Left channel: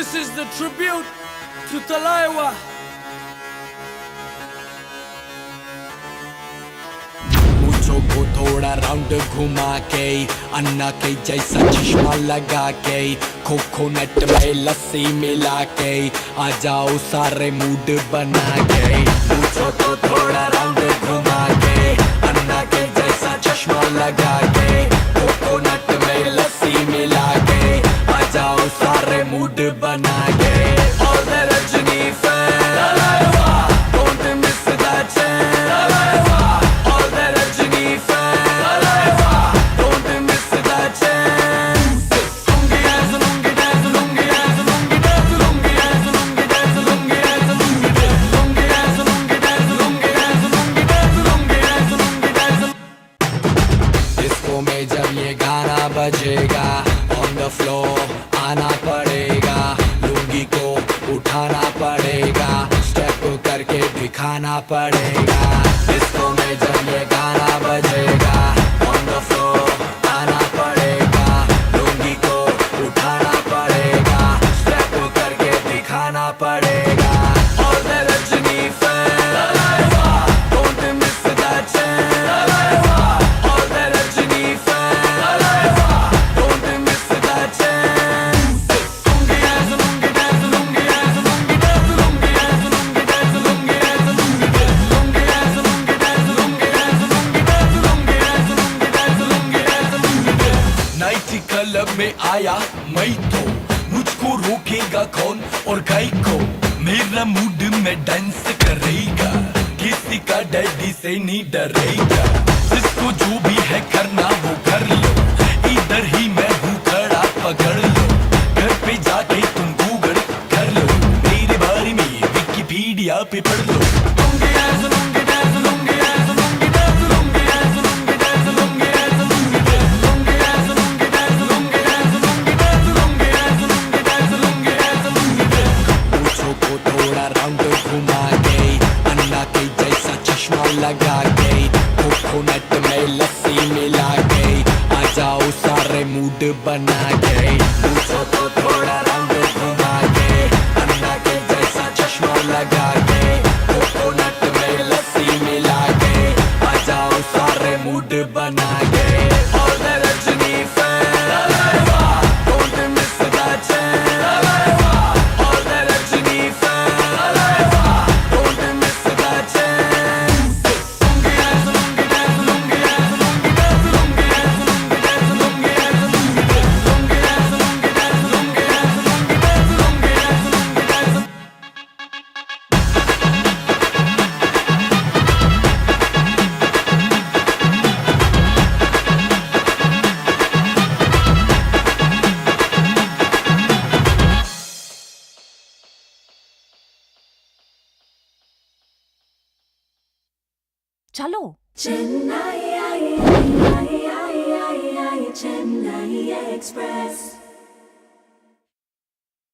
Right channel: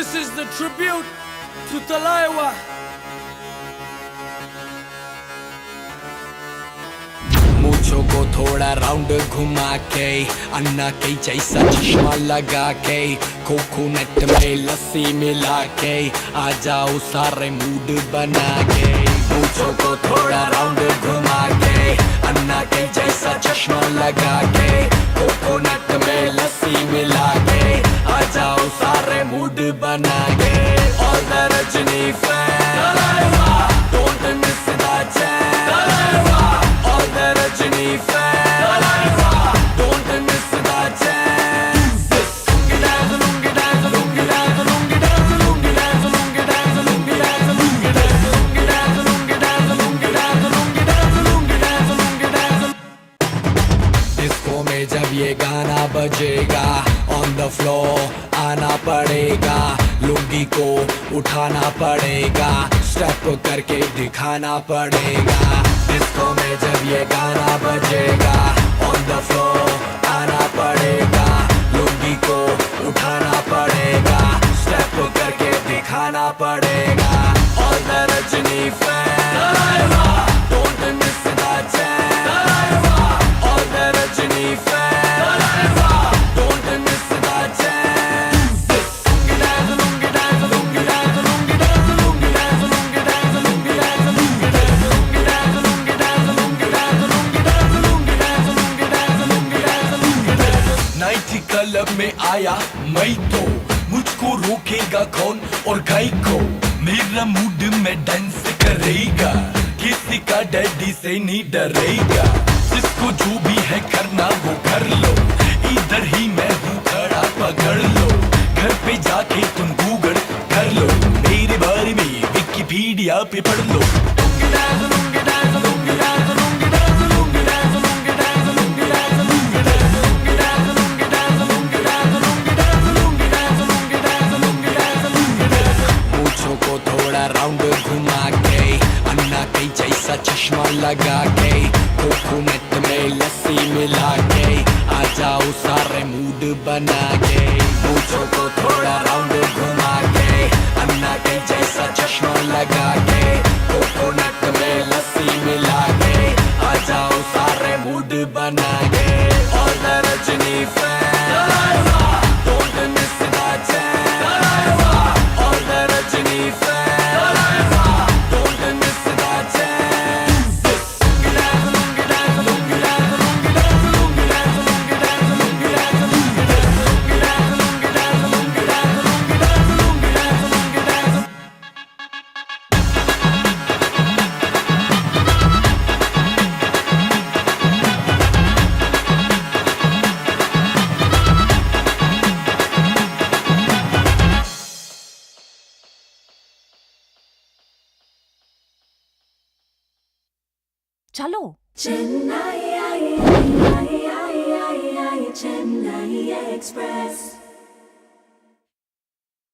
This is the tribute to Talaiwa. मूंछों को थोड़ा round घुमा के, अन्ना के जैसा चश्मा लगा के, कोकोनट में लस्सी मिला के, आ जाओ सारे मूड बना के। मूंछों को थोड़ा राउंड घुमा के, अन्ना के जैसा चश्मा लगा के, कोकोनट में लस्सी मिला के, आ जाओ सारे मूड बना के। और the Rajni fan, don't miss that chance। All the Rajini fans, don't miss that chance। Lungi dance, lungi dance, lungi dance, lungi dance, lungi dance, lungi dance, lungi dance, lungi dance, lungi dance, lungi dance, lungi dance, lungi dance, lungi dance, lungi dance। Disco में जब ये गाना बजेगा, on the floor आना पड़ेगा, लुंगी को उठाना पड़ेगा, स्टेप करके दिखाना पड़ेगा। डिस्को में जब ये गाना बजेगा, on the floor आना पड़ेगा, लुंगी को उठाना पड़ेगा, स्टेप करके दिखाना पड़ेगा। और the Rajni fan, don't miss that chance। और the Rajni fan, don't miss that chance। Lungi dance, lungi dance, lungi dance, lungi dance, lungi dance, lungi dance, lungi dance, lungi dance, lungi dance, lungi dance, lungi dance, lungi dance, lungi dance, lungi dance, lungi dance। Night club में आया मैं तो, मुझको रोकेगा कौन और गाय को, मेरा मूड में डांस करेगा, किसी का डैडी से नहीं डरेगा। जिसको जो भी है करना वो कर लो, इधर ही मैं हूँ खड़ा पकड़ लो, घर पे जाके तुम गूगल कर लो, मेरे बारे में विकिपीडिया पे पढ़ लो। Lungi dance, lungi dance, lungi dance, lungi dance, lungi dance, lungi dance, lungi dance, lungi dance, lungi dance, lungi dance, lungi dance, lungi dance, lungi dance, lungi dance, lungi dance, lungi dance। मूंछों को थोड़ा राउंड घुमा के, अन्ना के जैसा चश्मा लगा के, कोकोनट में लस्सी मिला के, आ जाओ सारे मूड बना के। मूंछों को थोड़ा राउंड घुमा के, अन्ना के जैसा चश्मा लगा के, कोकोनट में लस्सी मिला के, आ जाओ सारे मूड बना के। और the Rajni fan, don't miss that chance। और the Rajni fan, don't miss that chance। Lungi dance, lungi dance, lungi dance, lungi dance, lungi dance, lungi dance, lungi dance, lungi dance, lungi dance, lungi dance, lungi dance, lungi dance, lungi dance, lungi dance। चलो Chennai, Chennai Express।